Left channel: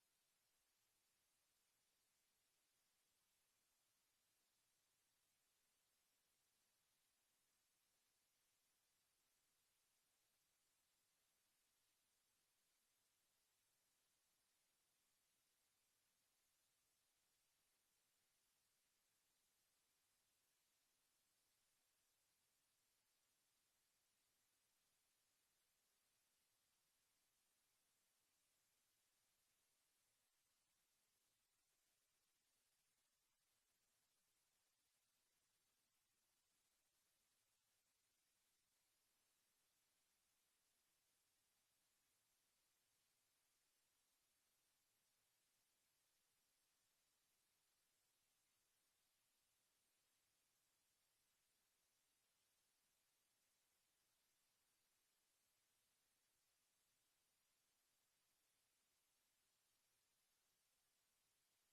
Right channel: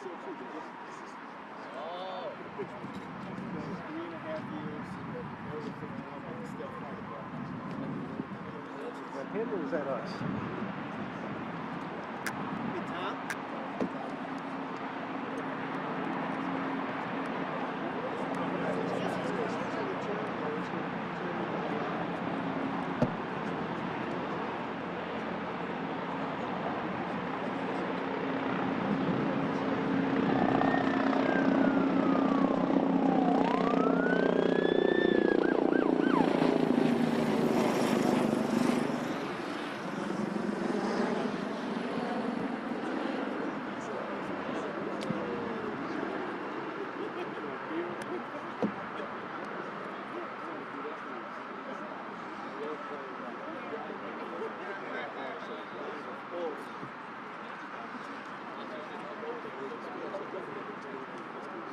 Oh. 3.5 years. That him or is that us? Hey, Tom?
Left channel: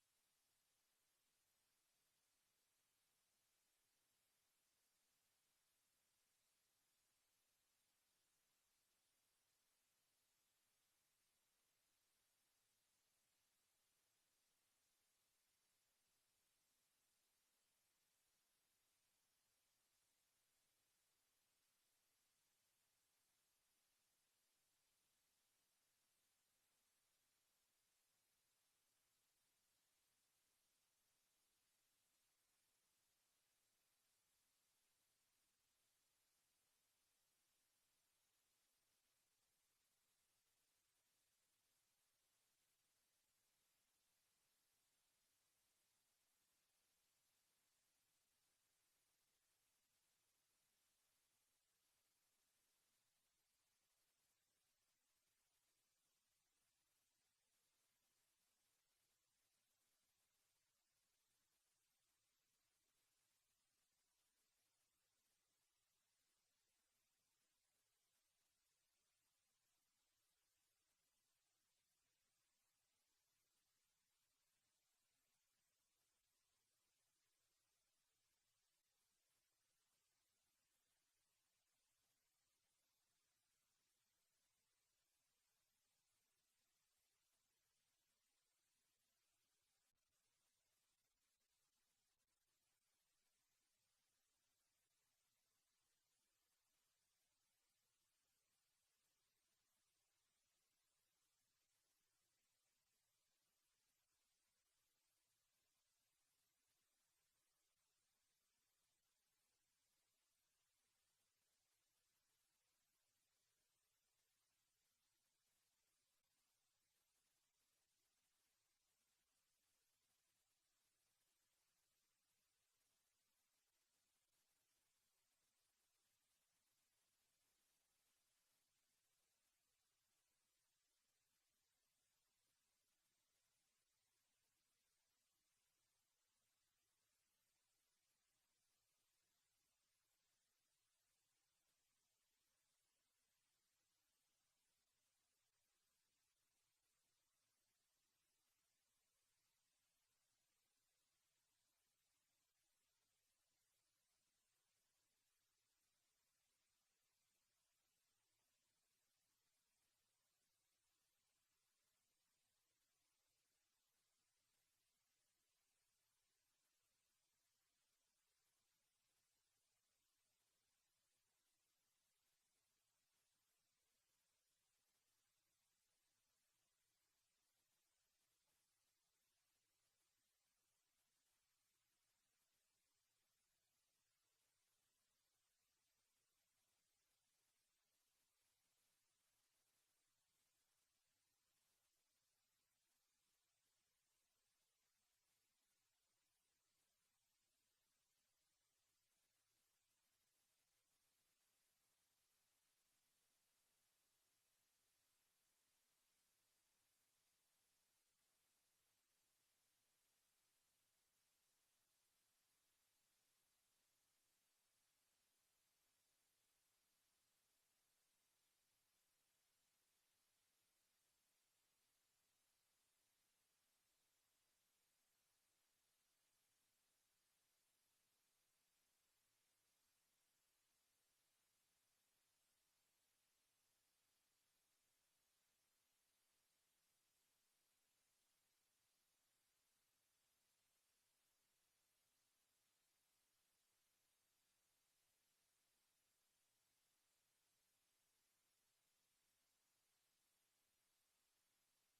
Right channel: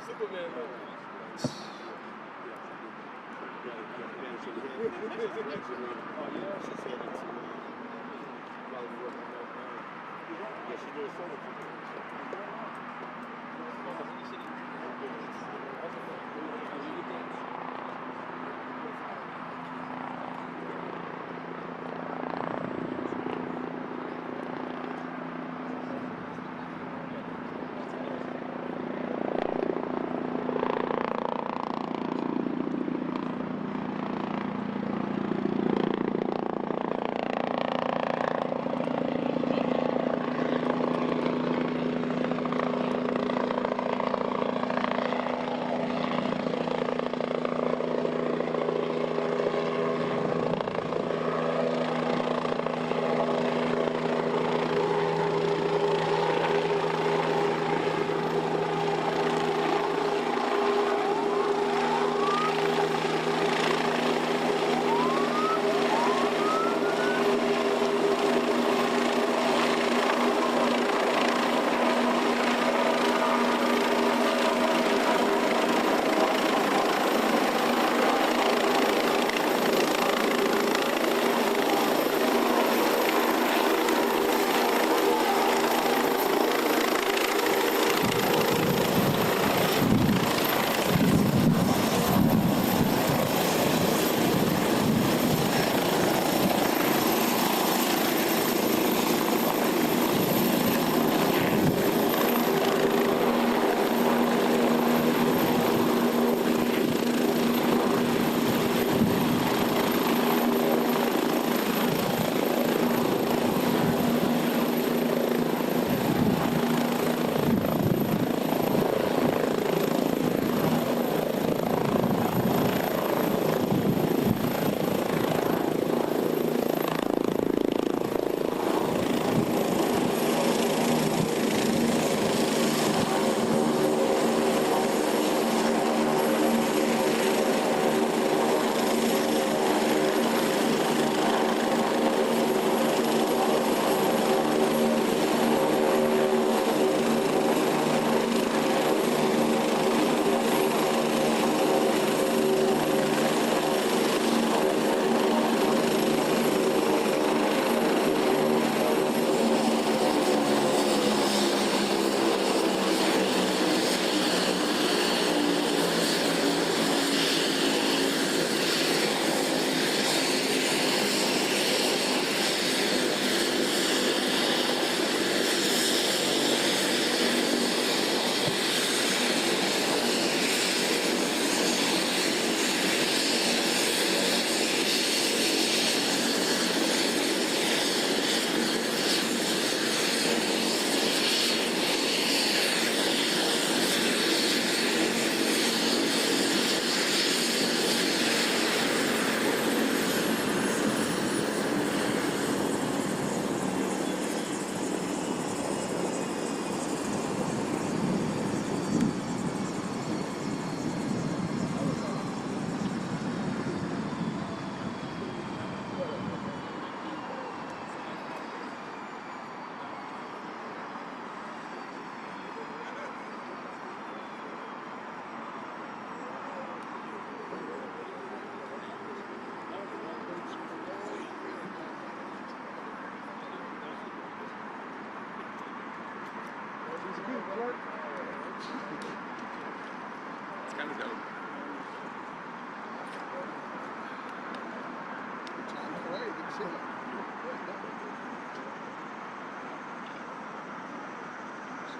Superman.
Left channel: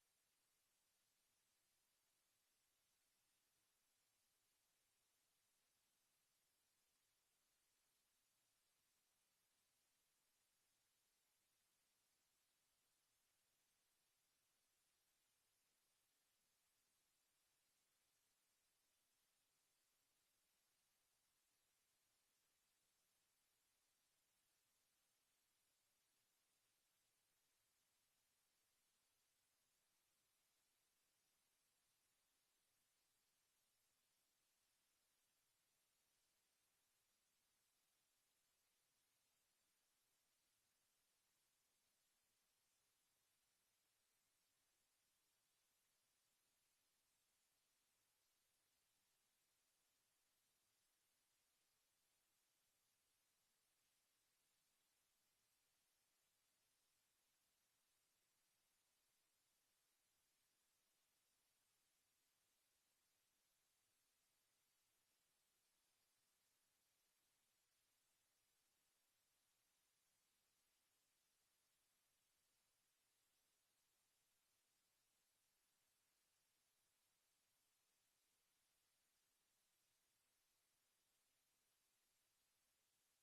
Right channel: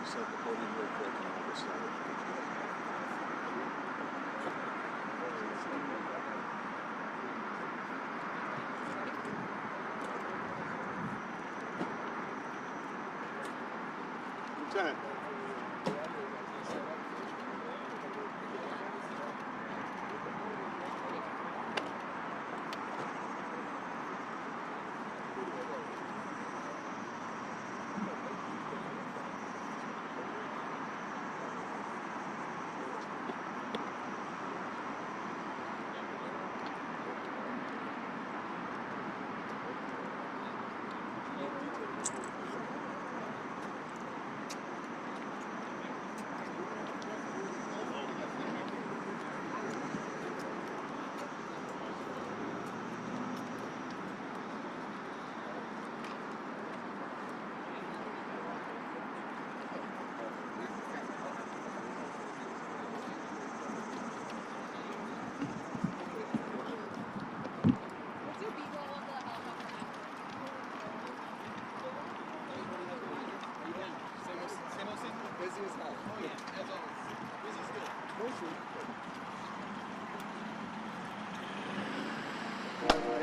set the podium real quick and we'll get started. Lieutenant.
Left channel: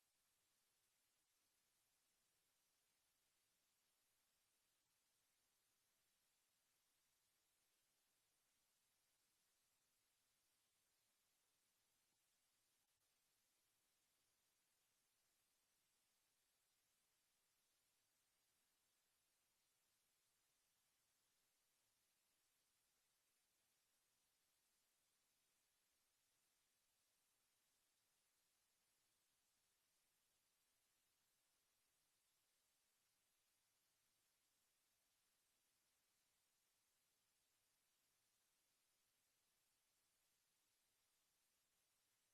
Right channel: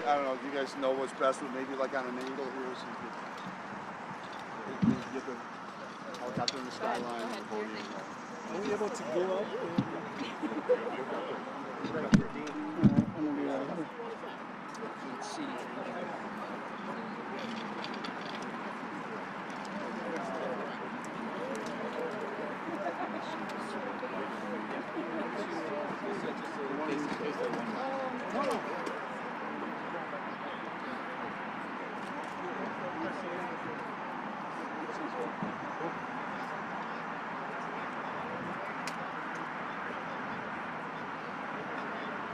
I don't know, do you guys know what's best, but maybe like on an angle here so you can get the helicopter in the skyline and the podium. Are we able to go up? Right up here. I'm gonna be right here. Let's see.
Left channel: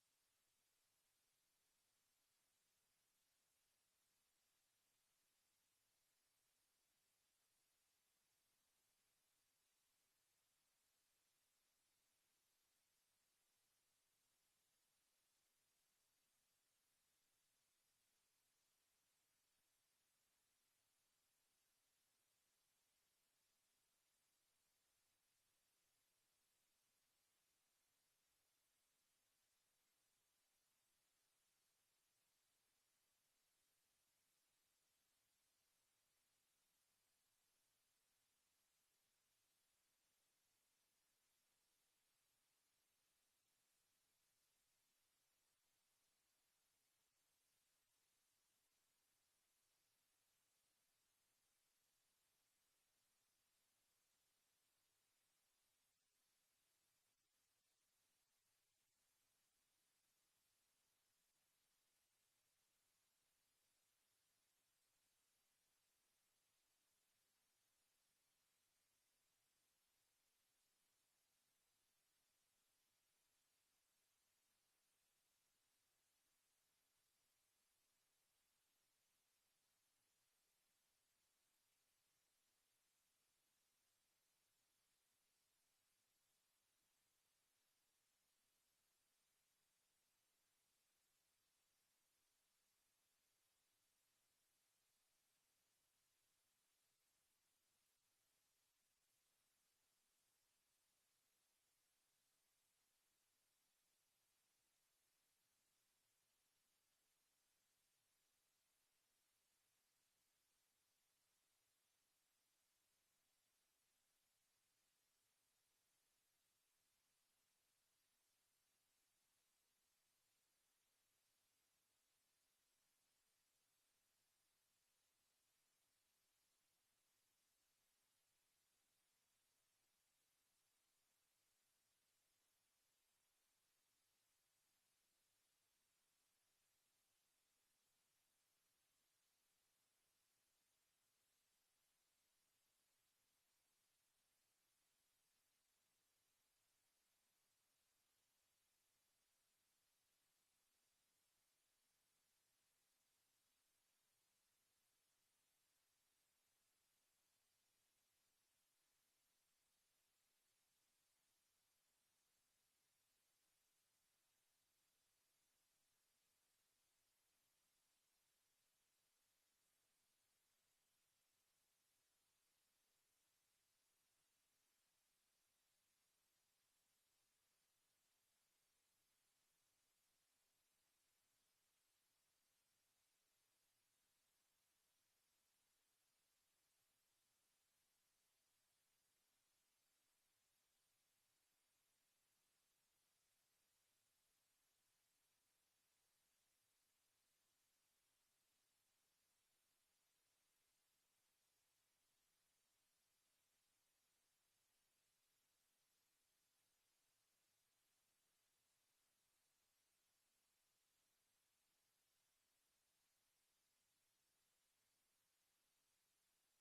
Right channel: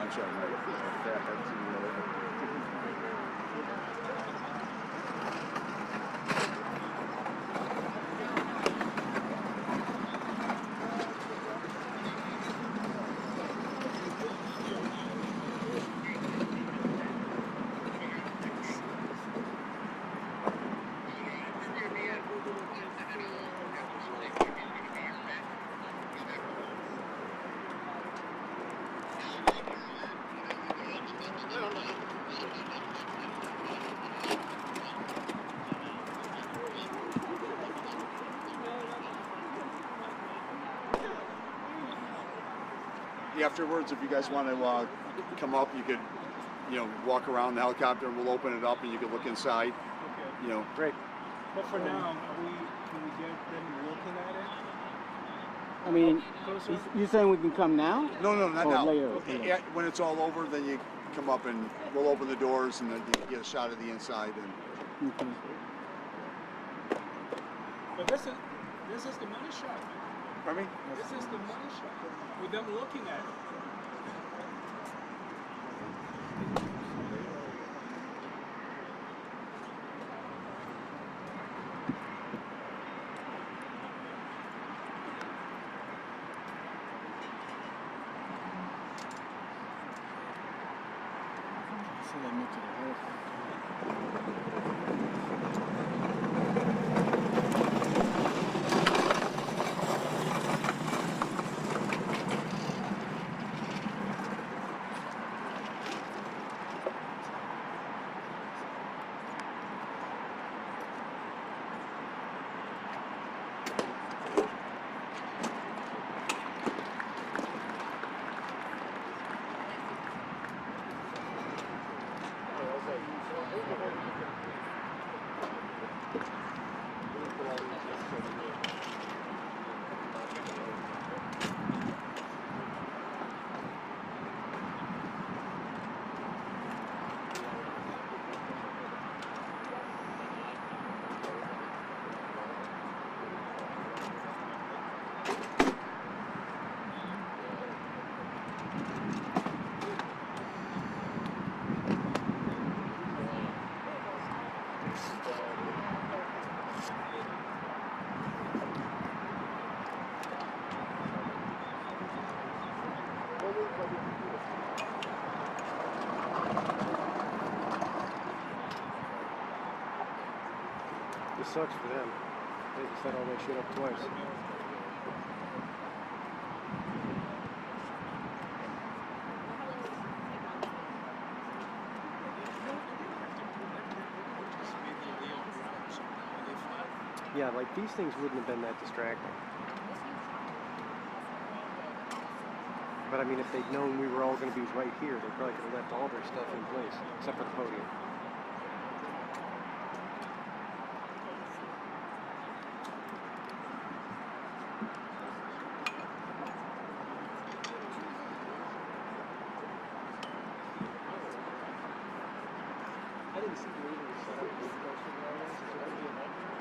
I'm sorry, afterwards, if you guys want to come up, you could, walk around the helicopter and we'll open it up and you can look inside. Okay. Great. But for now, can we get them looking at it? I mean, Closer? you saying we can come now? No, not Oh, now. later. Yeah, when it's all over, then you come up and we'll open the doors and then you get a shot of the inside. And Okay. But this is the money shot. pardon me? This is the money shot. With them looking at it. It sucks for them. They set all that shit up twice. Yeah, like these things wouldn't have been that distracting. But I mean, if they'd known we were all going to be right here, they probably could have left all their stuff in place, except for the podium. I didn't see the meeting set up with the posted areas. Is there going to be a set up?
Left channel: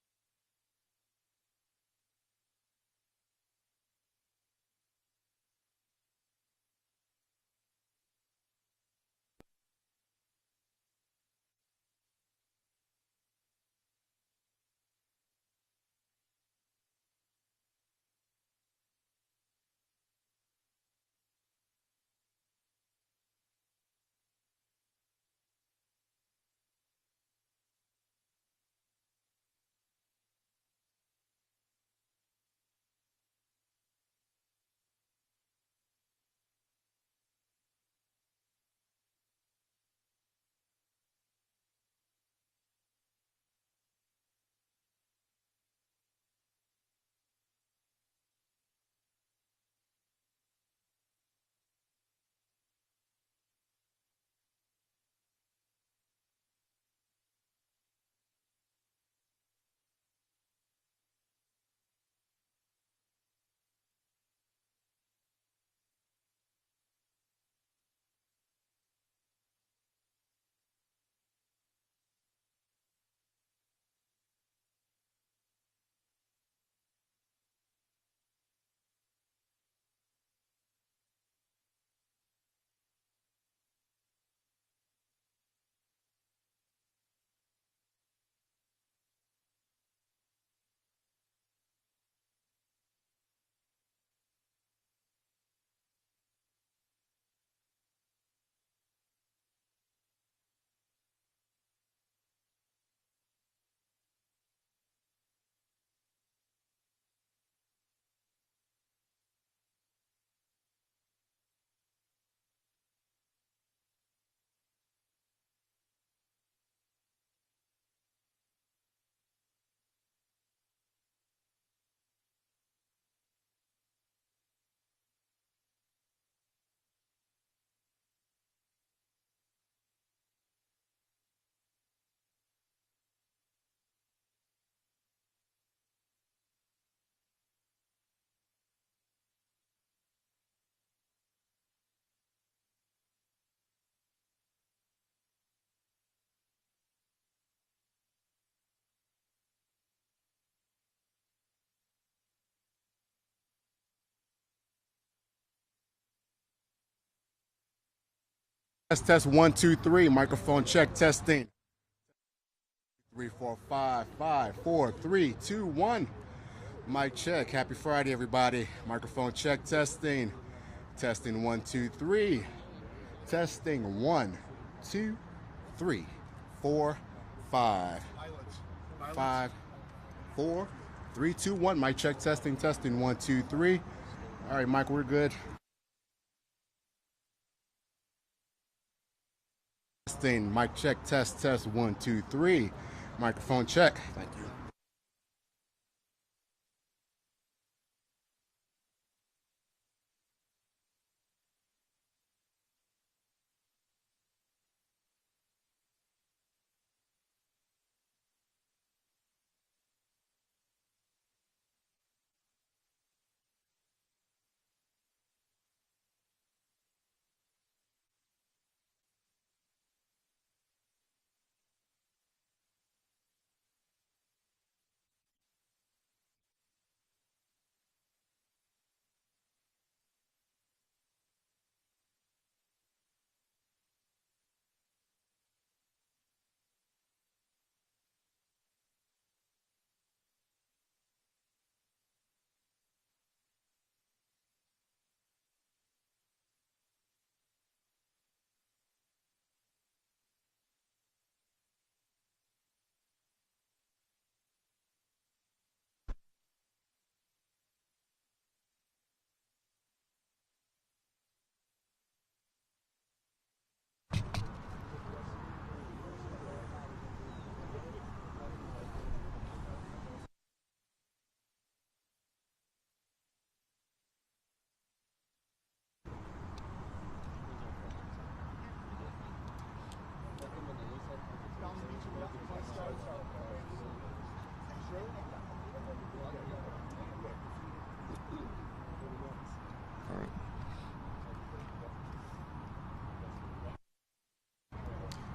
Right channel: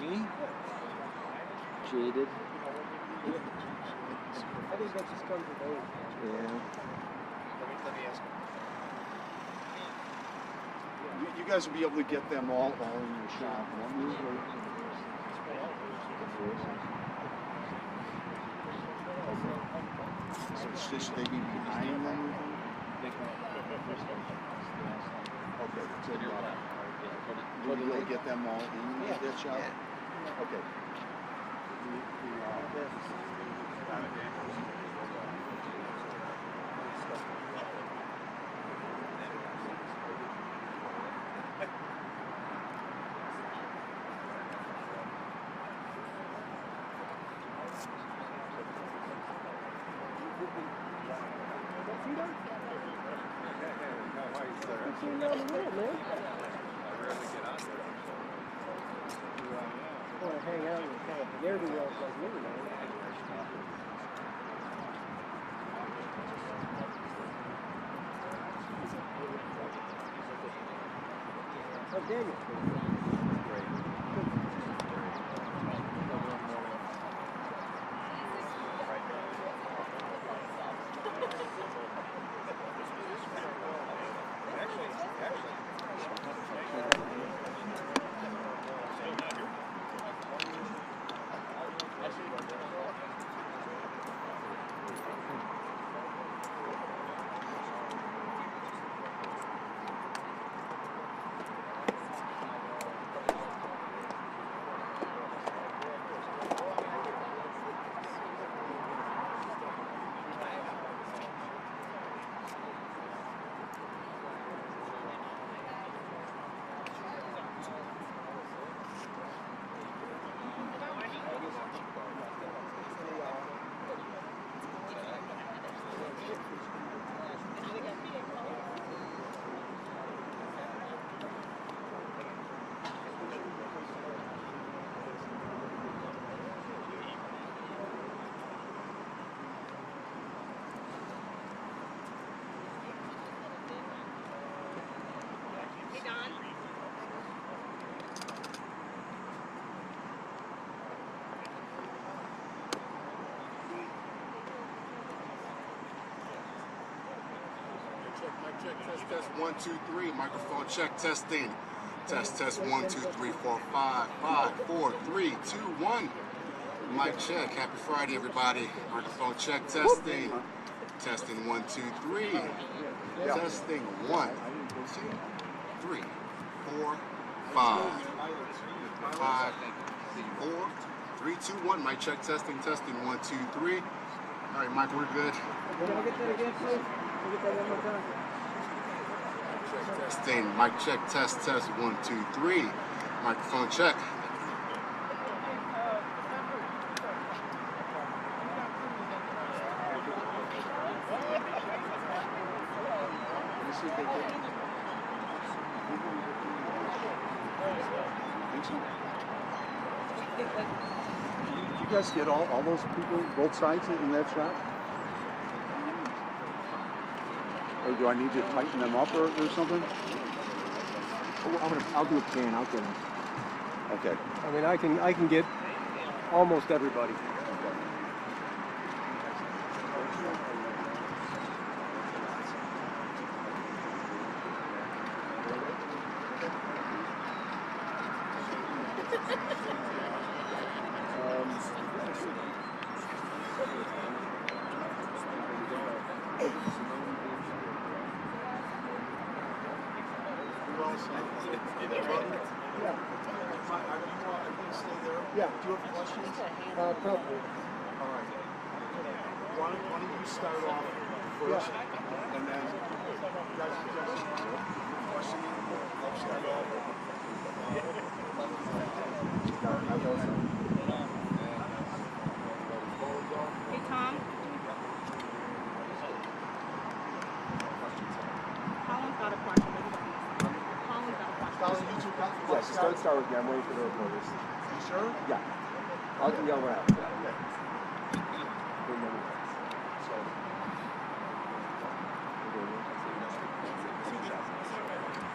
Me? Jaded. I think that just comes with age. Yeah. Let me ask you guys will be able to get them all in your shop, won't you? So should they be behind them? Okay, so you'll be able to get them all in that shop? Okay. Hang out with kind of ne'er-do-wells like me, man. Oh, Daniel. Test 1 2 3. Microphone check testing. Test 1 2 3 4 5 5 4 3 2 1. Mic check. Happy Friday, everybody. Microphone check testing. Testing 1 2 3. Testing 1 2 3 4 5 5 4 3 2 1. Mic check testing 1 2 3. All right, Michael, we're good. Testing, mic check, test 1 2 3. Microphone check. You guys get all those people, both sides in that shot? Or do I need to tighten them up or something? I'll do a pan. I'll get them. Okay. I mean, I can get almost everybody. Yeah. Do you have questions? Probably. All right. Why don't you start off first, and then you guys question. Hey, Tom. Colin's got a question. Colin's got a question. Colin, you two got Yeah, start with me. I'm waiting for the reporters. You sure? Yeah. I'll yell out.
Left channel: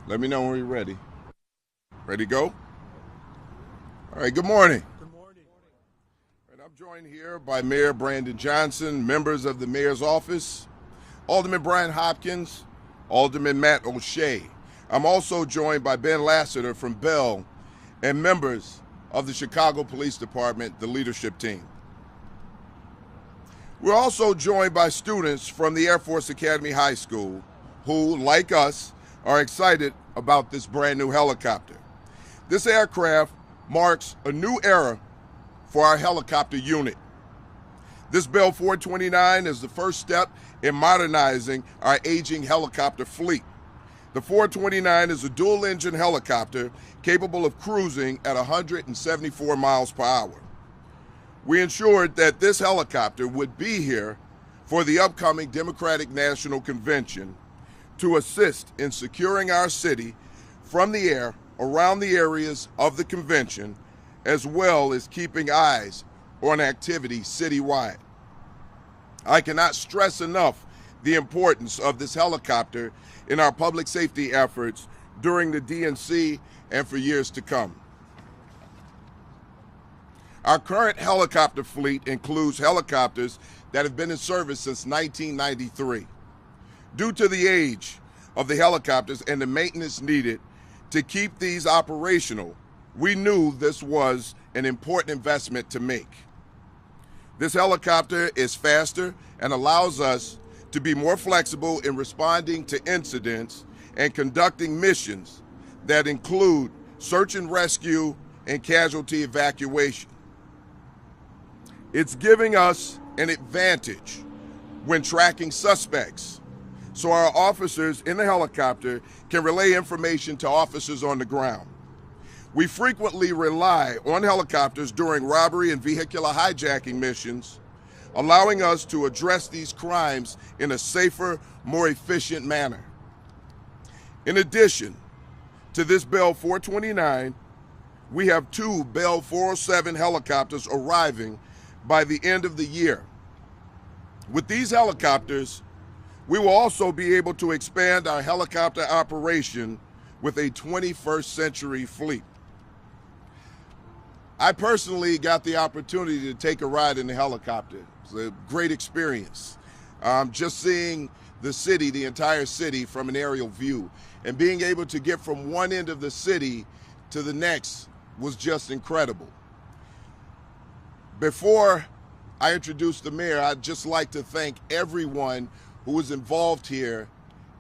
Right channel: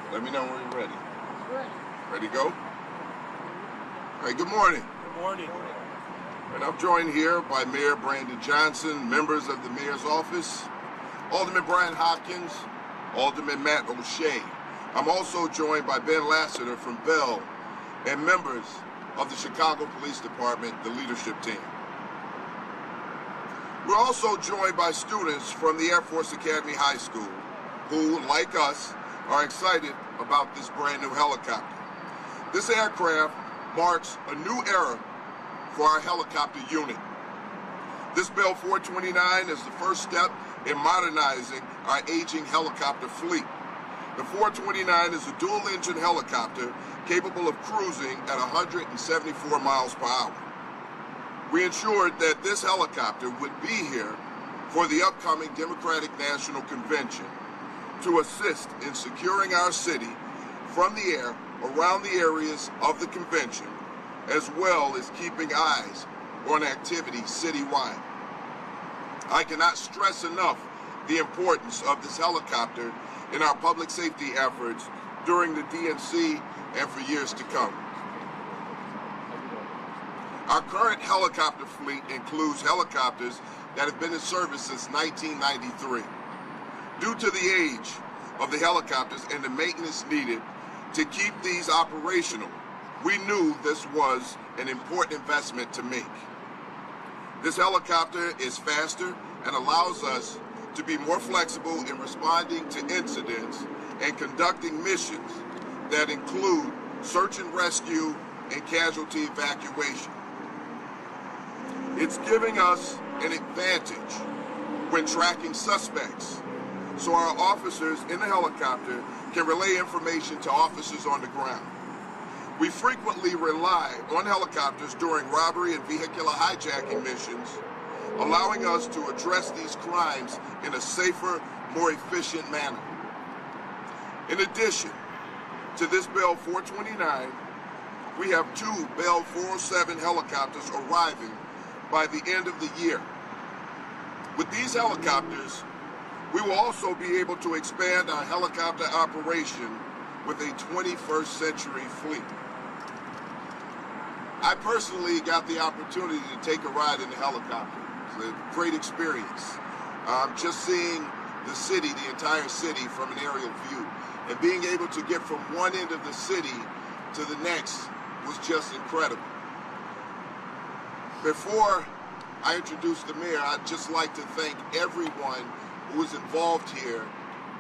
Let me know when we're ready. Ready to go? All right, good morning. Good morning. And I'm joined here by Mayor Brandon Johnson, members of the mayor's office, Alderman Brian Hopkins, Alderman Matt O'Shea. I'm also joined by Ben Lassiter from Bell and members of the Chicago Police Department, the leadership team. We're also joined by students from the Air Force Academy High School who, like us, are excited about this brand new helicopter. This aircraft marks a new era for our helicopter unit. This Bell 429 is the first step in modernizing our aging helicopter fleet. The 429 is a dual-engine helicopter capable of cruising at 174 miles per hour. We ensured that this helicopter would be here for the upcoming Democratic National Convention to assist in securing our city from the air around the areas of the convention, as well as keeping eyes on activity citywide. I cannot stress enough the importance of this helicopter in our public safety efforts during the DNC and for years to come. Our current helicopter fleet includes helicopters that have been in service since 1993. Due to the age of the helicopters and the maintenance needed to keep these operational, we knew this was an important investment to make. This helicopter is faster and allows us to be more flexible in responding to incidents and conducting missions that include search and rescue and casualty evacuation. It's giving us an advantage when tracking suspects, so our officers in the helicopter can relay information to officers on the ground. We frequently rely on helicopters during robbery and vehicular hijacking missions, allowing us to address these crimes in a safer, more efficient manner. In addition to this Bell 429, we have 2 Bell 407 helicopters arriving by the end of the year. With these helicopters, we will also be able to expand our helicopter operation with a 21st century fleet. I personally got the opportunity to take a ride in the helicopter. It's a great experience. Just seeing the city, the entire city, from an aerial view. And being able to get from one end of the city to the next was just incredible. Before I introduce the mayor, I'd just like to thank everyone who was involved here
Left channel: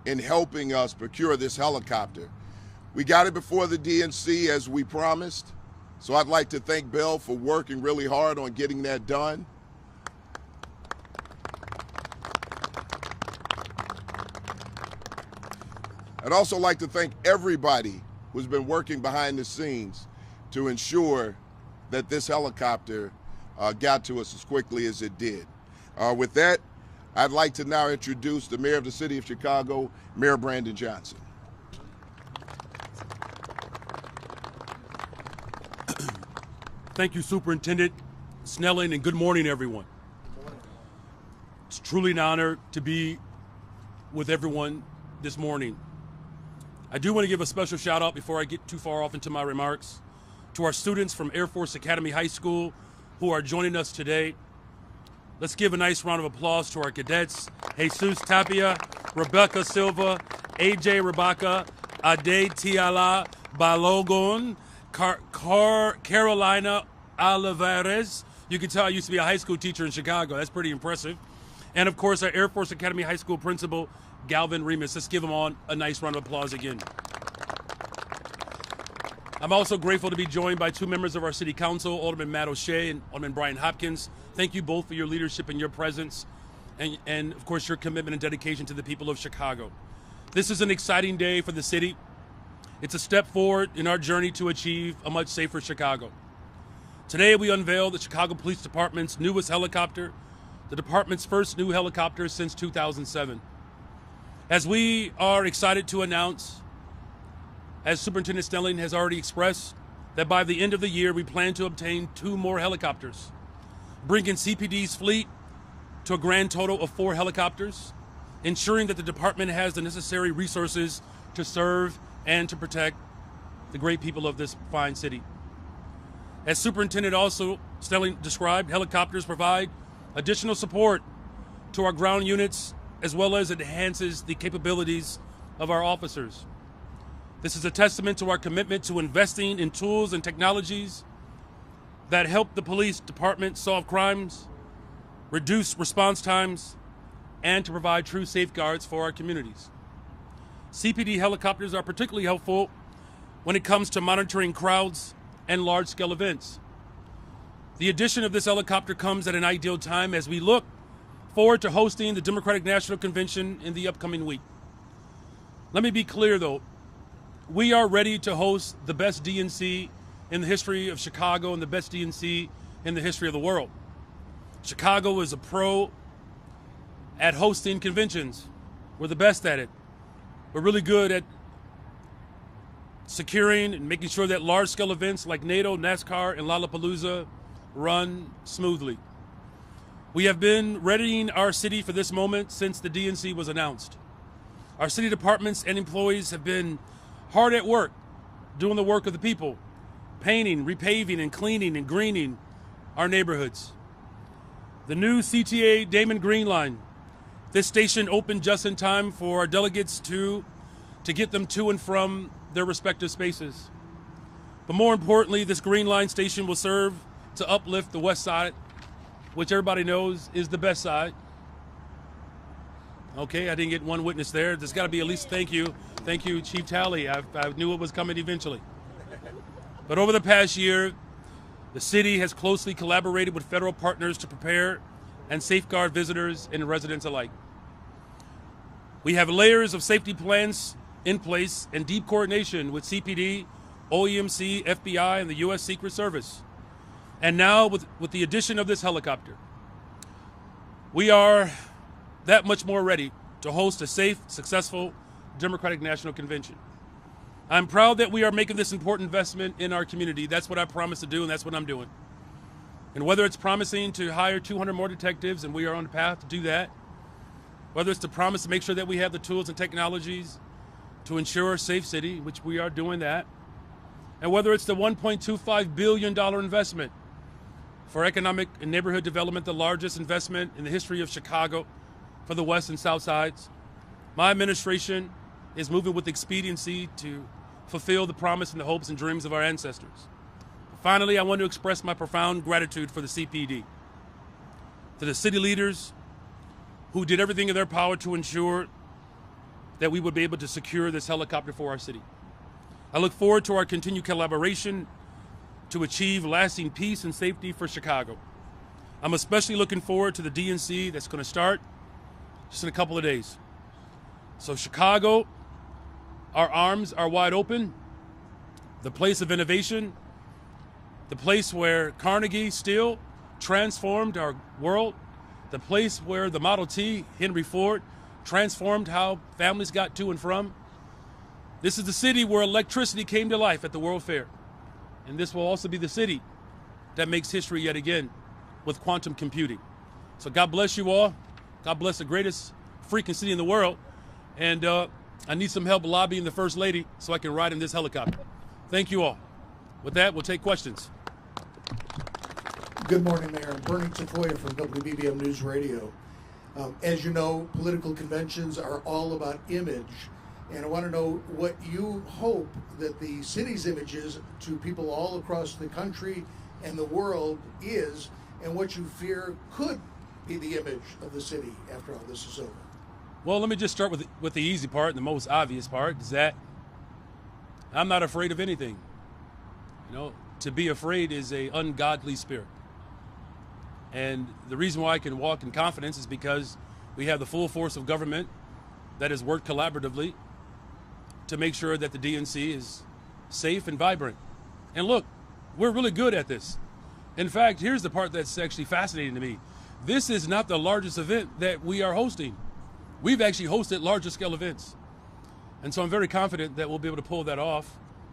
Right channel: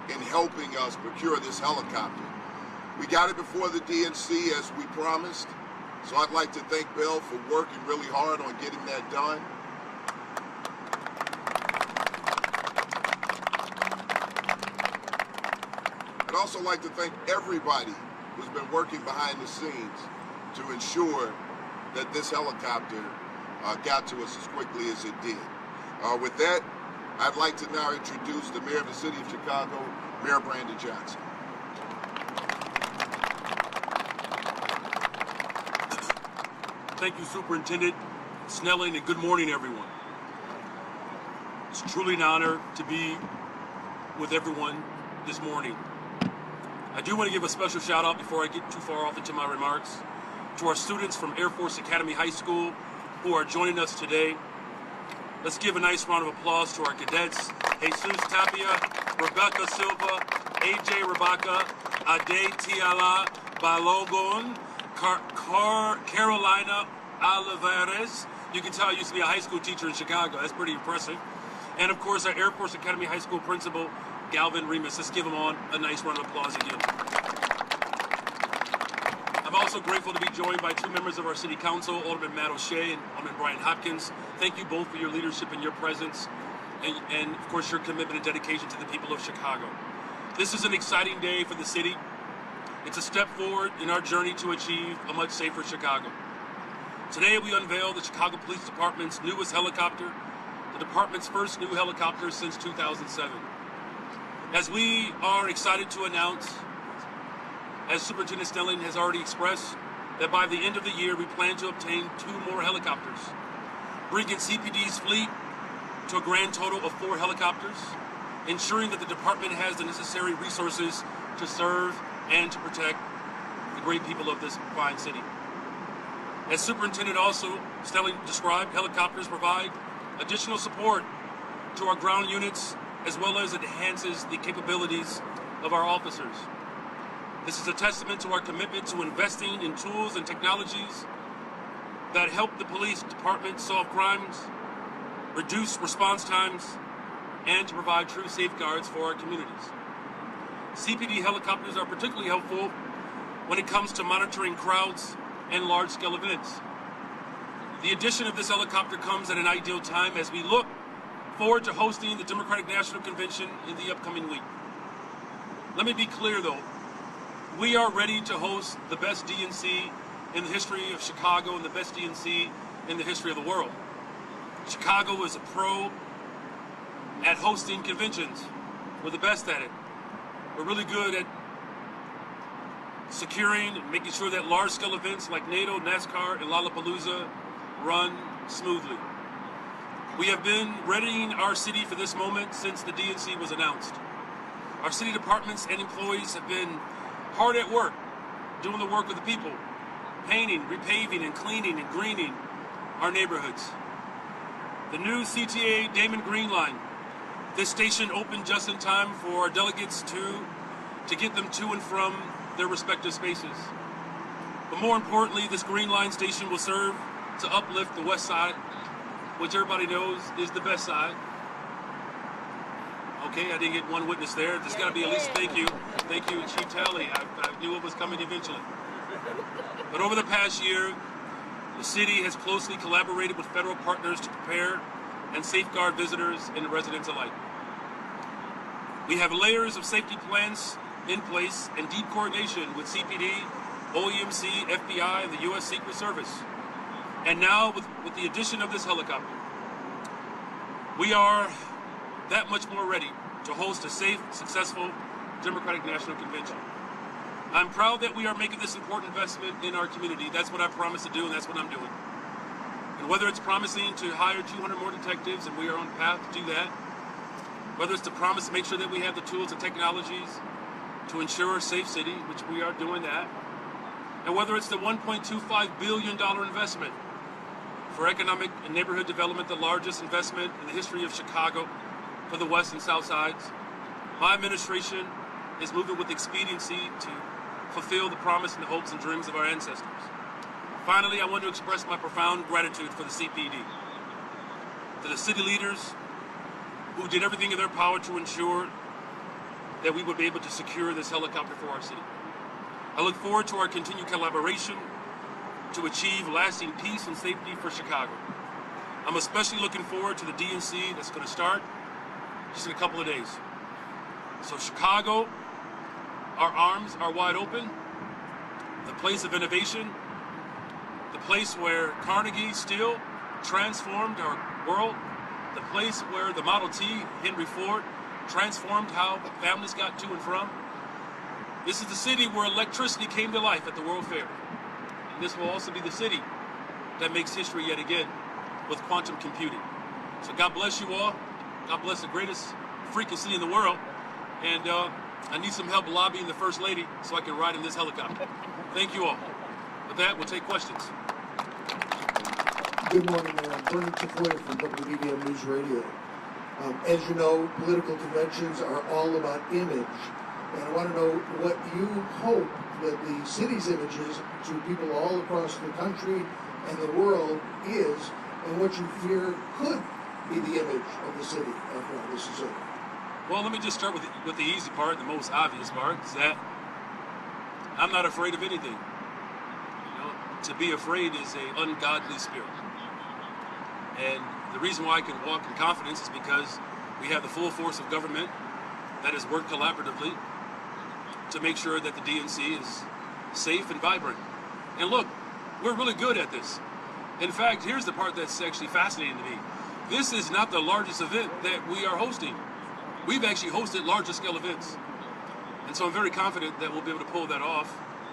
in helping us procure this helicopter. We got it before the DNC as we promised, so I'd like to thank Bill for working really hard on getting that done. I'd also like to thank everybody who's been working behind the scenes to ensure that this helicopter got to us as quickly as it did. With that, I'd like to now introduce the mayor of the city of Chicago, Mayor Brandon Johnson. Thank you, Superintendent Snelling, and good morning, everyone. It's truly an honor to be with everyone this morning. I do want to give a special shout out before I get too far off into my remarks to our students from Air Force Academy High School who are joining us today. Let's give a nice round of applause to our cadets: Jesus Tapia, Rebecca Silva, AJ Rebecca, Ade Tiala Balogun, Carolina Olivares. You can tell I used to be a high school teacher in Chicago. That's pretty impressive. And of course, our Air Force Academy High School principal, Galvin Remus. Let's give him all a nice round of applause again. I'm also grateful to be joined by two members of our City Council, Alderman Matt O'Shea and Alderman Brian Hopkins. Thank you both for your leadership and your presence, and of course your commitment and dedication to the people of Chicago. This is an exciting day for the city. It's a step forward in our journey to achieve a much safer Chicago. Today we unveil the Chicago Police Department's newest helicopter, the department's first new helicopter since 2007. As we are excited to announce, as Superintendent Snelling has already expressed, that by the end of the year we plan to obtain 2 more helicopters, bringing CPD's fleet to a grand total of 4 helicopters, ensuring that the department has the necessary resources to serve and to protect the great people of this fine city. As Superintendent also Snelling described, helicopters provide additional support to our ground units, as well as enhances the capabilities of our officers. This is a testament to our commitment to investing in tools and technologies that help the police department solve crimes, reduce response times, and to provide true safeguards for our communities. CPD helicopters are particularly helpful when it comes to monitoring crowds and large-scale events. The addition of this helicopter comes at an ideal time as we look forward to hosting the Democratic National Convention in the upcoming week. Let me be clear though, we are ready to host the best DNC in the history of Chicago and the best DNC in the history of the world. Chicago is a pro at hosting conventions. We're the best at it. We're really good at securing and making sure that large-scale events like NATO, NASCAR, and Lollapalooza run smoothly. We have been readying our city for this moment since the DNC was announced. Our city departments and employees have been hard at work, doing the work of the people, painting, repaving, and cleaning and greening our neighborhoods. The new CTA Damon Green Line. This station opened just in time for our delegates to get them to and from their respective spaces. But more importantly, this Green Line station will serve to uplift the West Side, which everybody knows is the best side. Okay, I didn't get one witness there. There's got to be at least thank you, Chief Talley. I knew it was coming eventually. But over the past year, the city has closely collaborated with federal partners to prepare and safeguard visitors and residents alike. We have layers of safety plans in place and deep coordination with CPD, OEMC, FBI, and the U.S. Secret Service. And now with the addition of this helicopter, we are that much more ready to host a safe, successful Democratic National Convention. I'm proud that we are making this important investment in our community. That's what I promised to do, and that's what I'm doing. And whether it's promising to hire 200 more detectives, and we are on the path to do that, whether it's the promise to make sure that we have the tools and technologies to ensure a safe city, which we are doing that, and whether it's the $1.25 billion investment for economic and neighborhood development, the largest investment in the history of Chicago for the West and South Sides, My administration is moving with expediency to fulfill the promise and the hopes and dreams of our ancestors. Finally, I want to express my profound gratitude for the CPD, to the city leaders who did everything in their power to ensure that we would be able to secure this helicopter for our city. I look forward to our continued collaboration to achieve lasting peace and safety for Chicago. I'm especially looking forward to the DNC that's going to start just in a couple of days. So Chicago, our arms are wide open, the place of innovation, the place where Carnegie Steel transformed our world, the place where the Model T, Henry Ford, transformed how families got to and from. This is the city where electricity came to life at the World Fair. And this will also be the city that makes history yet again with quantum computing. So God bless you all. God bless the greatest freaking city in the world. And I need some help lobbying the First Lady so I can ride in this helicopter. Thank you all. With that, we'll take questions. Good morning, Mayor. I'm Vernon Tafoya from WBBM News Radio. As you know, political conventions are all about image. And I want to know what you hope that the city's images to people all across the country and the world is, and what you fear could be the image of the city after all this is over. Well, let me just start with the easy part, the most obvious part, is that I'm not afraid of anything. You know, to be afraid is an ungodly spirit. And the reason why I can walk in confidence is because we have the full force of government that has worked collaboratively to make sure that the DNC is safe and vibrant. And look, we're really good at this. In fact, here's the part that's actually fascinating to me. This is not the largest event that we are hosting. We've actually hosted larger scale events. And so I'm very confident that we'll be able to pull that off,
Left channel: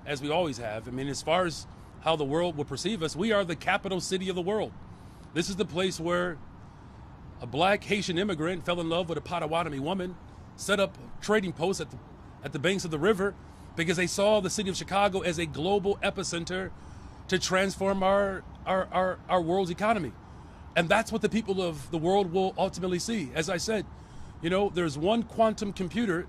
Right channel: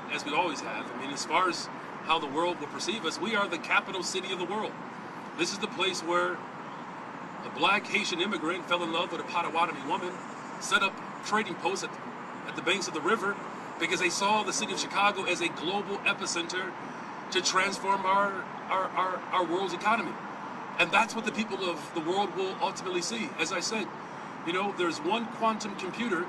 as we always have. I mean, as far as how the world will perceive us, we are the capital city of the world. This is the place where a black Haitian immigrant fell in love with a Potawatomi woman, set up trading posts at the banks of the river because they saw the city of Chicago as a global epicenter to transform our world's economy. And that's what the people of the world will ultimately see. As I said, you know, there's one quantum computer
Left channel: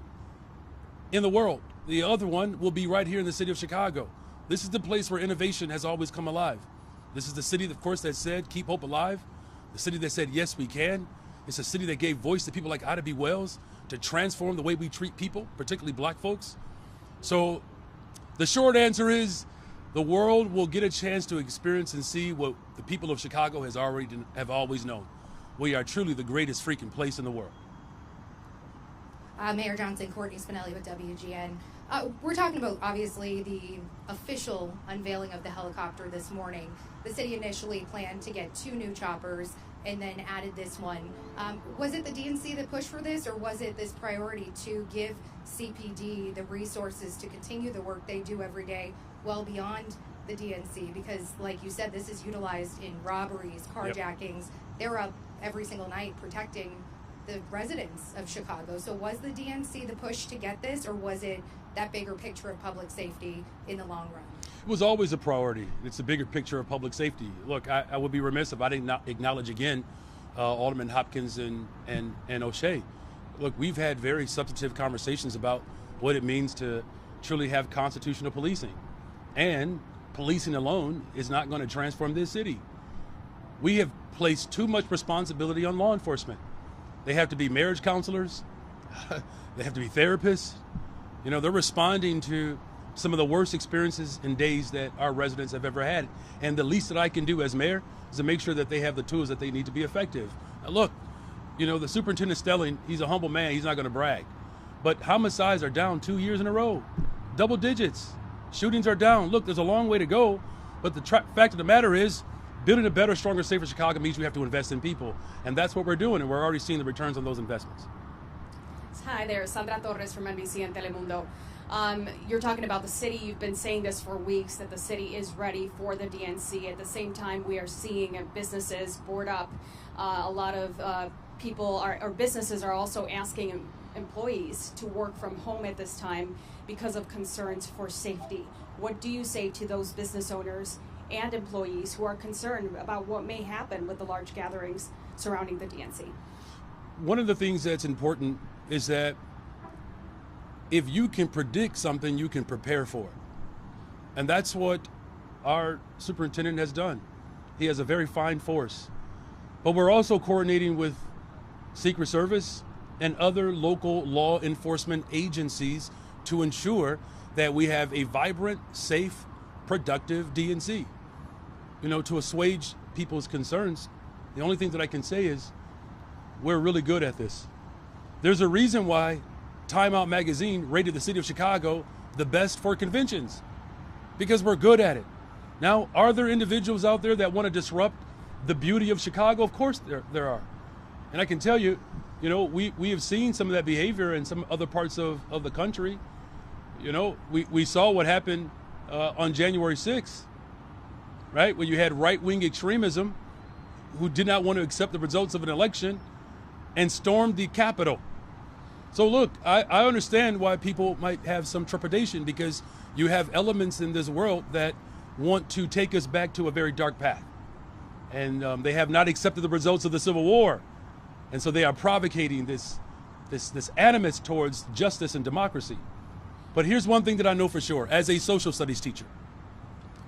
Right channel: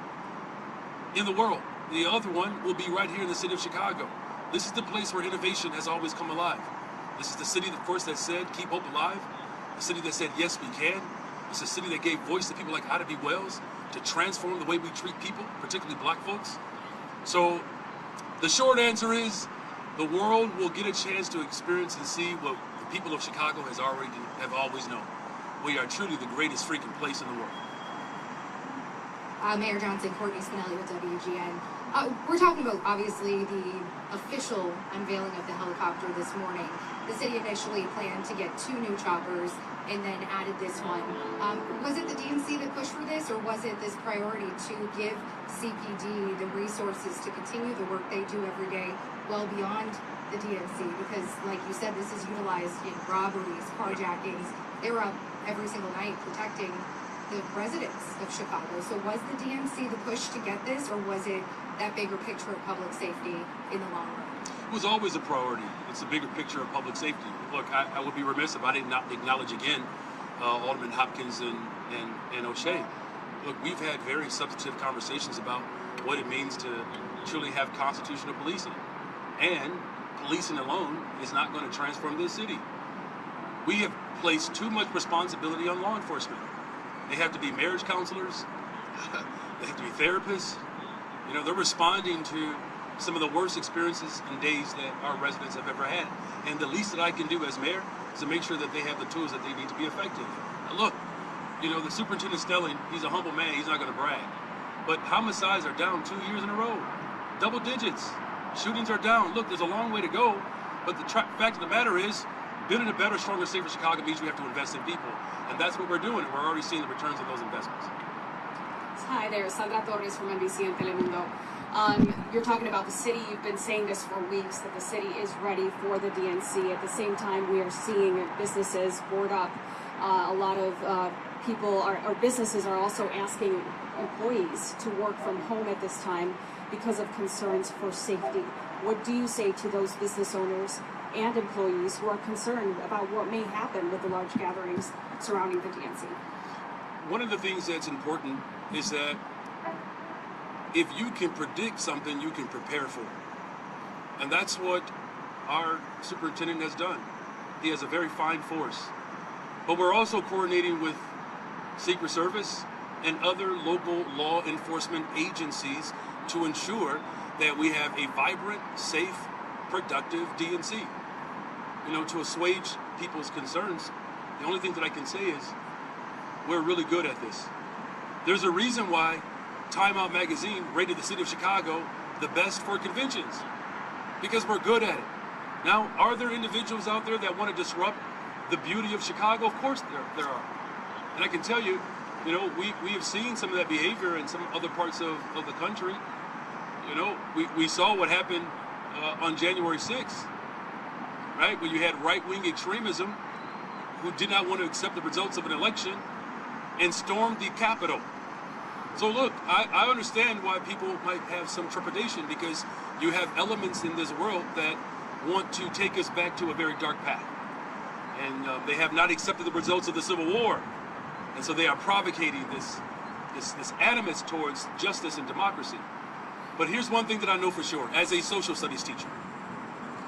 in the world. The other one will be right here in the city of Chicago. This is the place where innovation has always come alive. This is the city, of course, that said, keep hope alive. The city that said, yes, we can. It's a city that gave voice to people like Ida B. Wells to transform the way we treat people, particularly black folks. So the short answer is the world will get a chance to experience and see what the people of Chicago have always known. We are truly the greatest freaking place in the world. Mayor Johnson, Courtney Spinelli with WGN. We're talking about, obviously, the official unveiling of the helicopter this morning. The city initially planned to get 2 new choppers and then added this one. Was it the DNC that pushed for this, or was it this priority to give CPD the resources to continue the work they do every day well beyond the DNC? Because, like you said, this is utilized in robberies, carjackings. They're up every single night protecting the residents of Chicago. So was the DNC the push to get this, or was it that bigger picture of public safety in the long run? It was always a priority. It's a bigger picture of public safety. Look, I would be remiss if I did not acknowledge again Alderman Hopkins and O'Shea. Look, we've had very substantive conversations about what it means to truly have constitutional policing. And policing alone is not going to transform this city. We have placed too much responsibility on law enforcement. They have to be marriage counselors. They have to be therapists. You know, they're responding to some of the worst experiences and days that our residents have ever had. And the least that I can do as mayor is to make sure that they have the tools that they need to be effective. And look, you know, the Superintendent Stelling, he's a humble man. He's not going to brag. But homicides are down 2 years in a row. Double digits. Shootings are down. Look, there's a long way to go. But the fact of the matter is, building a better, stronger, safer Chicago means you have to invest in people. And that's what we're doing. And we're already seeing the returns on those investments. Hi there, Sandra Torres from NBC and Telemundo. You're talking about the city. You've been saying this for weeks, that the city is ready for the DNC. At the same time, we are seeing businesses board up. A lot of people or businesses are also asking employees to work from home at this time because of concerns for safety. What do you say to those business owners and employees who are concerned about what may happen with the large gatherings surrounding the DNC? One of the things that's important is that if you can predict something, you can prepare for it. And that's what our superintendent has done. He has a very fine force. But we're also coordinating with Secret Service and other local law enforcement agencies to ensure that we have a vibrant, safe, productive DNC. You know, to assuage people's concerns, the only thing that I can say is we're really good at this. There's a reason why Time Out magazine rated the city of Chicago the best for conventions, because we're good at it. Now, are there individuals out there that want to disrupt the beauty of Chicago? Of course there are. And I can tell you, you know, we have seen some of that behavior in some other parts of the country. You know, we saw what happened on January 6th, right? Where you had right-wing extremism who did not want to accept the results of an election and stormed the Capitol. So look, I understand why people might have some trepidation, because you have elements in this world that want to take us back to a very dark path. And they have not accepted the results of the Civil War. And so they are provocating this animus towards justice and democracy. But here's one thing that I know for sure, as a social studies teacher.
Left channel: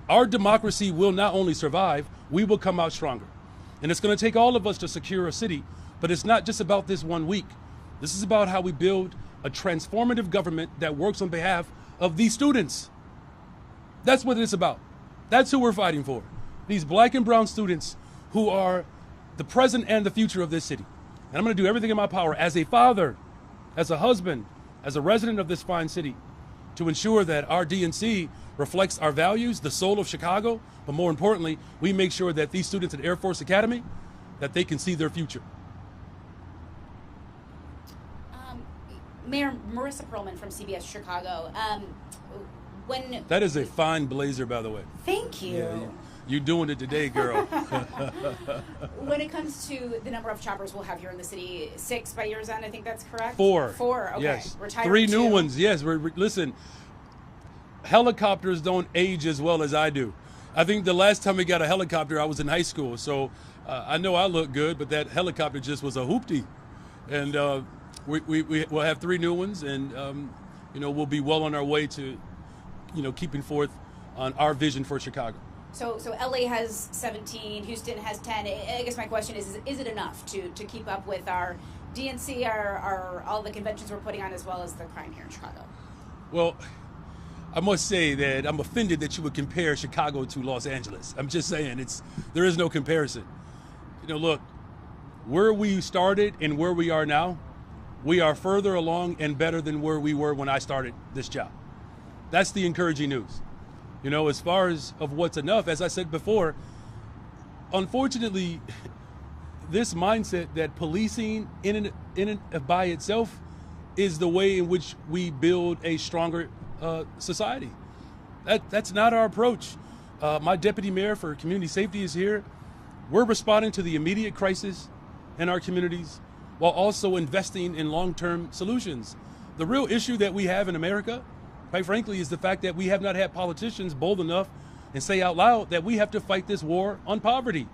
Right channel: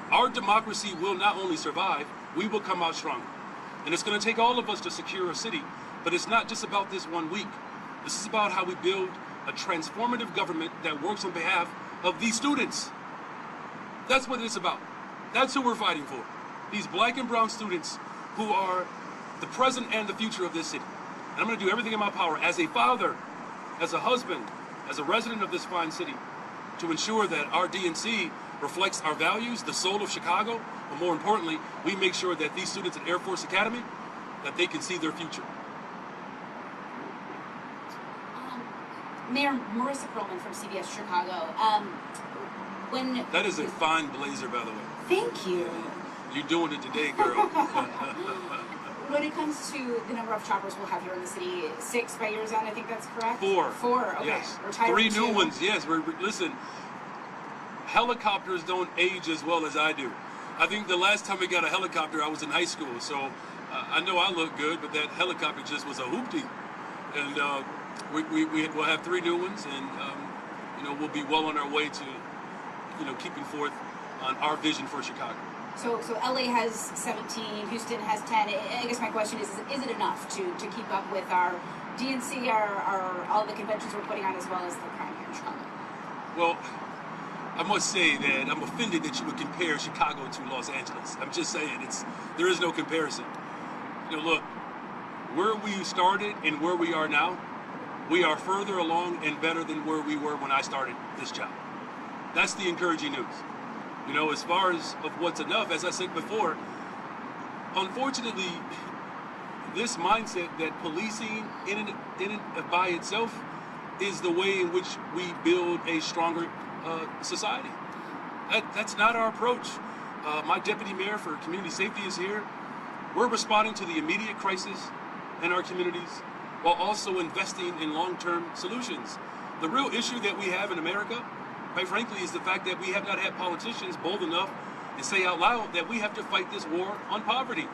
Our democracy will not only survive, we will come out stronger. And it's going to take all of us to secure a city, but it's not just about this 1 week. This is about how we build a transformative government that works on behalf of these students. That's what it's about. That's who we're fighting for. These black and brown students who are the present and the future of this city. And I'm going to do everything in my power as a father, as a husband, as a resident of this fine city, to ensure that our DNC reflects our values, the soul of Chicago, but more importantly, we make sure that these students at Air Force Academy, that they can see their future. Mayor Marissa Perlman from CBS Chicago. That is a fine blazer, by the way. Thank you. Yeah, you're doing it today, girl. When it comes to the number of choppers we'll have here in the city, 6 by year's end, I think that's correct? 4. 4, okay. Yes. Retired 3 2. new ones, yes. Listen, helicopters don't age as well as I do. I think the last time we got a helicopter, I was in high school. So I know I look good, but that helicopter just was a hoopty. And we'll have 3 new ones, and you know, we'll be well on our way to, you know, keeping forth on our vision for Chicago. So LA has 17, Houston has 10. I guess my question is it enough to keep up with our DNC, our all the conventions we're putting on, as well as the crime here in Chicago? Well, I must say that I'm offended that you would compare Chicago to Los Angeles. I'm just saying, there is no comparison. You know, look, where we started and where we are now, we are further along and better than where we were when I started this job. That's the encouraging news. You know, as far as of what's enough, as I said before, unfortunately, this mindset that policing in and by itself is the way in which we build a stronger society. That's not our approach. My deputy mayor for community safety is here. We're responding to the immediate crisis in our communities while also investing in long-term solutions. The real issue that we have in America, quite frankly, is the fact that we have not had politicians bold enough and say out loud that we have to fight this war on poverty.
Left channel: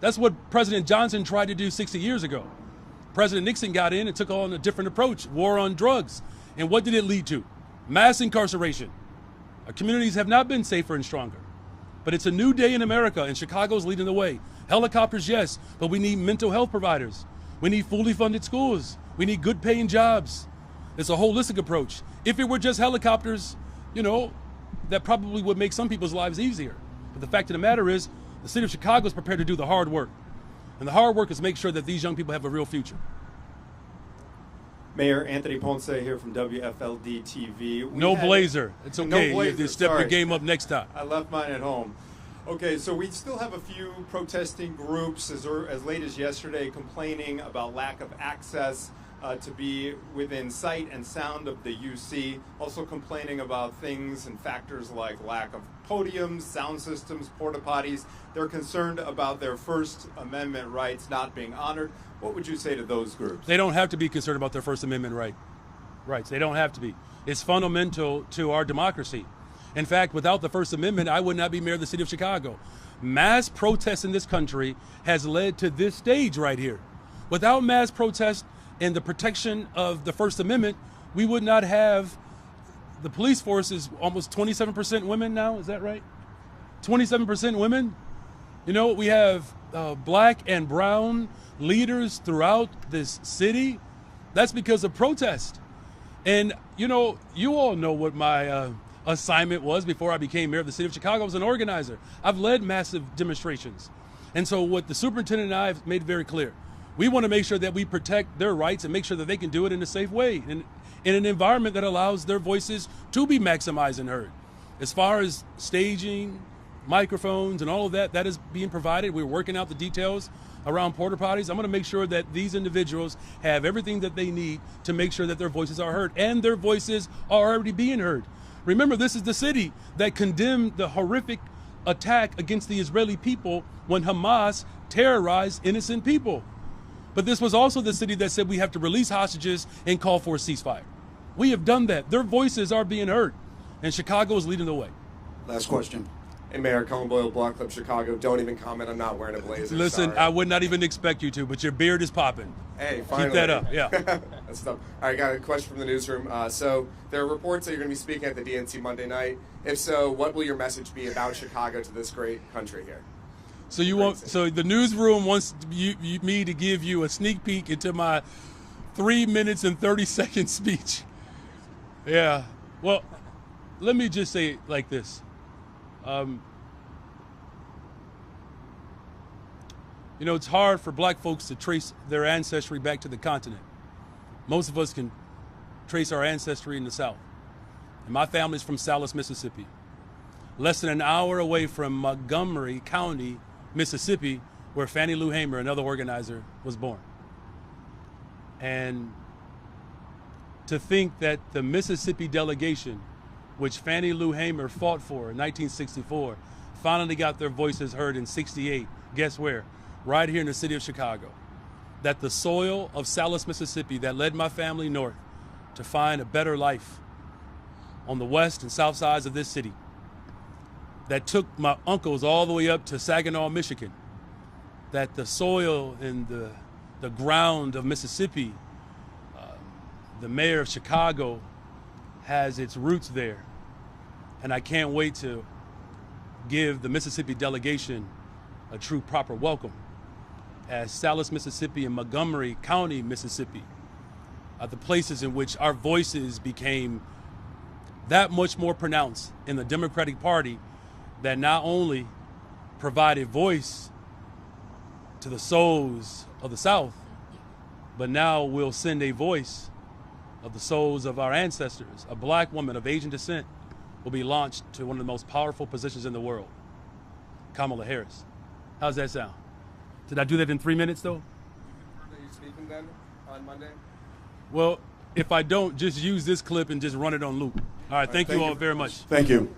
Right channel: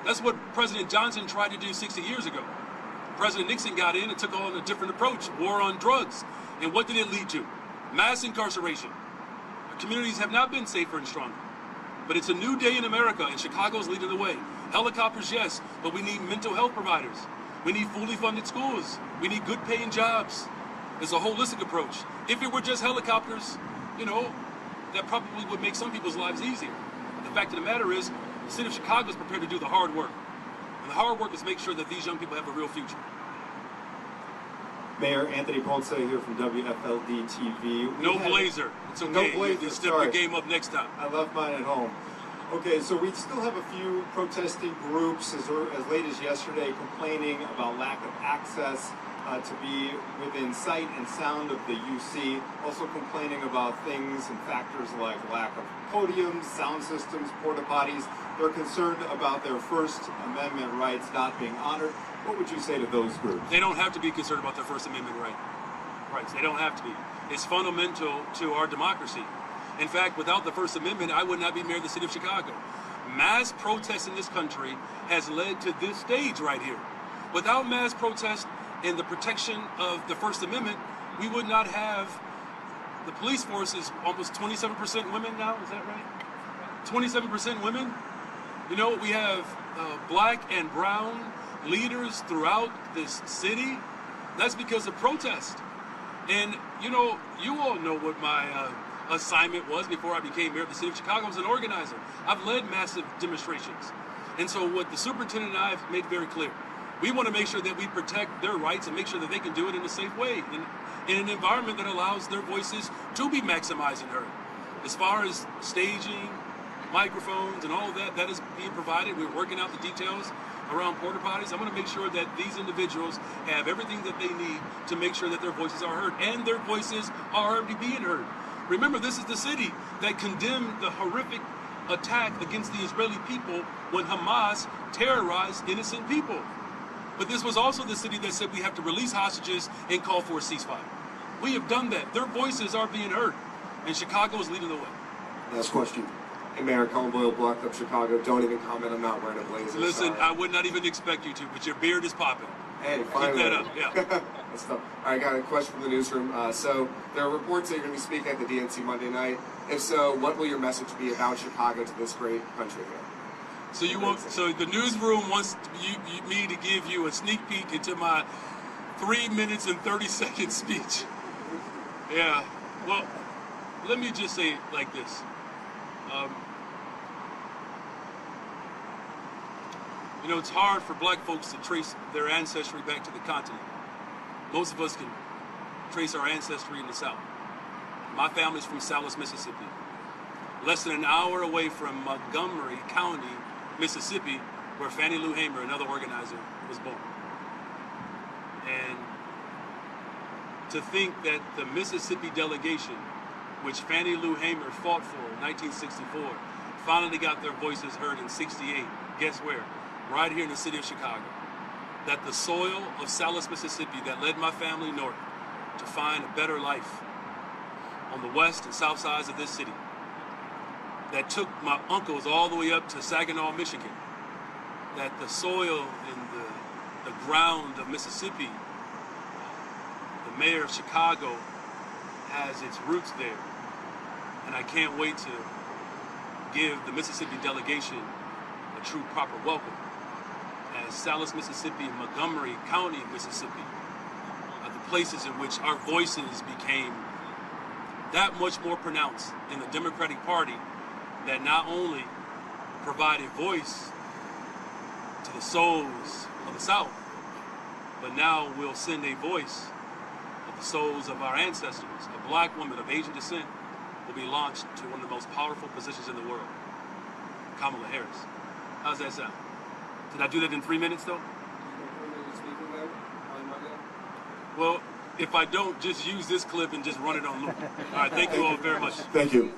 That's what President Johnson tried to do 60 years ago. President Nixon got in and took on a different approach, war on drugs. And what did it lead to? Mass incarceration. Our communities have not been safer and stronger. But it's a new day in America, and Chicago's leading the way. Helicopters, yes, but we need mental health providers. We need fully funded schools. We need good paying jobs. It's a holistic approach. If it were just helicopters, you know, that probably would make some people's lives easier. But the fact of the matter is, the city of Chicago is prepared to do the hard work. And the hard work is make sure that these young people have a real future. Mayor Anthony Ponce here from WFLD TV. No blazer. It's okay. No blazer. You step your game up next time. I left mine at home. Okay, so we still have a few protesting groups as late as yesterday complaining about lack of access to be within sight and sound of the UC. Also complaining about things and factors like lack of podiums, sound systems, porta potties. They're concerned about their First Amendment rights not being honored. What would you say to those groups? They don't have to be concerned about their First Amendment rights. They don't have to be. It's fundamental to our democracy. In fact, without the First Amendment, I would not be mayor of the city of Chicago. Mass protest in this country has led to this stage right here. Without mass protest and the protection of the First Amendment, we would not have, the police force is almost 27% women now, is that right? 27% women. You know, we have black and brown leaders throughout this city. That's because of protest. And, you know, you all know what my assignment was before I became mayor of the city of Chicago. I was an organizer. I've led massive demonstrations. And so what the superintendent and I have made very clear, we want to make sure that we protect their rights and make sure that they can do it in a safe way, in an environment that allows their voices to be maximized and heard. As far as staging, microphones, and all of that, that is being provided. We're working out the details around porta potties. I'm going to make sure that these individuals have everything that they need to make sure that their voices are heard, and their voices are already being heard. Remember, this is the city that condemned the horrific attack against the Israeli people when Hamas terrorized innocent people. But this was also the city that said we have to release hostages and call for a ceasefire. We have done that. Their voices are being heard, and Chicago is leading the way. Last question. Hey, Mayor, Colin Boyle, Block Club Chicago. Don't even comment. I'm not wearing a blazer. Listen, sorry. I would not even expect you to, but your beard is popping. Hey, finally. Keep that up, yeah. That's tough. All right, got a question from the newsroom. So there are reports that you're going to be speaking at the DNC Monday night. If so, what will your message be about Chicago to this great country here? So you want? So the newsroom wants me to give you a sneak peek into my 3 minutes and 30-second speech. Yeah. Well, let me just say it like this. You know, it's hard for black folks to trace their ancestry back to the continent. Most of us can trace our ancestry in the South. My family's from Salis, Mississippi. Less than an hour away from Montgomery County, Mississippi, where Fannie Lou Hamer, another organizer, was born. And to think that the Mississippi delegation, which Fannie Lou Hamer fought for in 1964, finally got their voices heard in 68. Guess where? Right here in the city of Chicago. That the soil of Salis, Mississippi, that led my family north to find a better life on the west and south sides of this city, that took my uncles all the way up to Saginaw, Michigan, that the soil and the ground of Mississippi, the mayor of Chicago has its roots there. And I can't wait to give the Mississippi delegation a true proper welcome, as Salis, Mississippi and Montgomery County, Mississippi are the places in which our voices became that much more pronounced in the Democratic Party, that not only provide a voice to the souls of the South, but now will send a voice of the souls of our ancestors. A black woman of Asian descent will be launched to one of the most powerful positions in the world, Kamala Harris. How's that sound? Did I do that in 3 minutes though? Well, if I don't, just use this clip and just run it on loop. All right, thank you all very much. Thank you.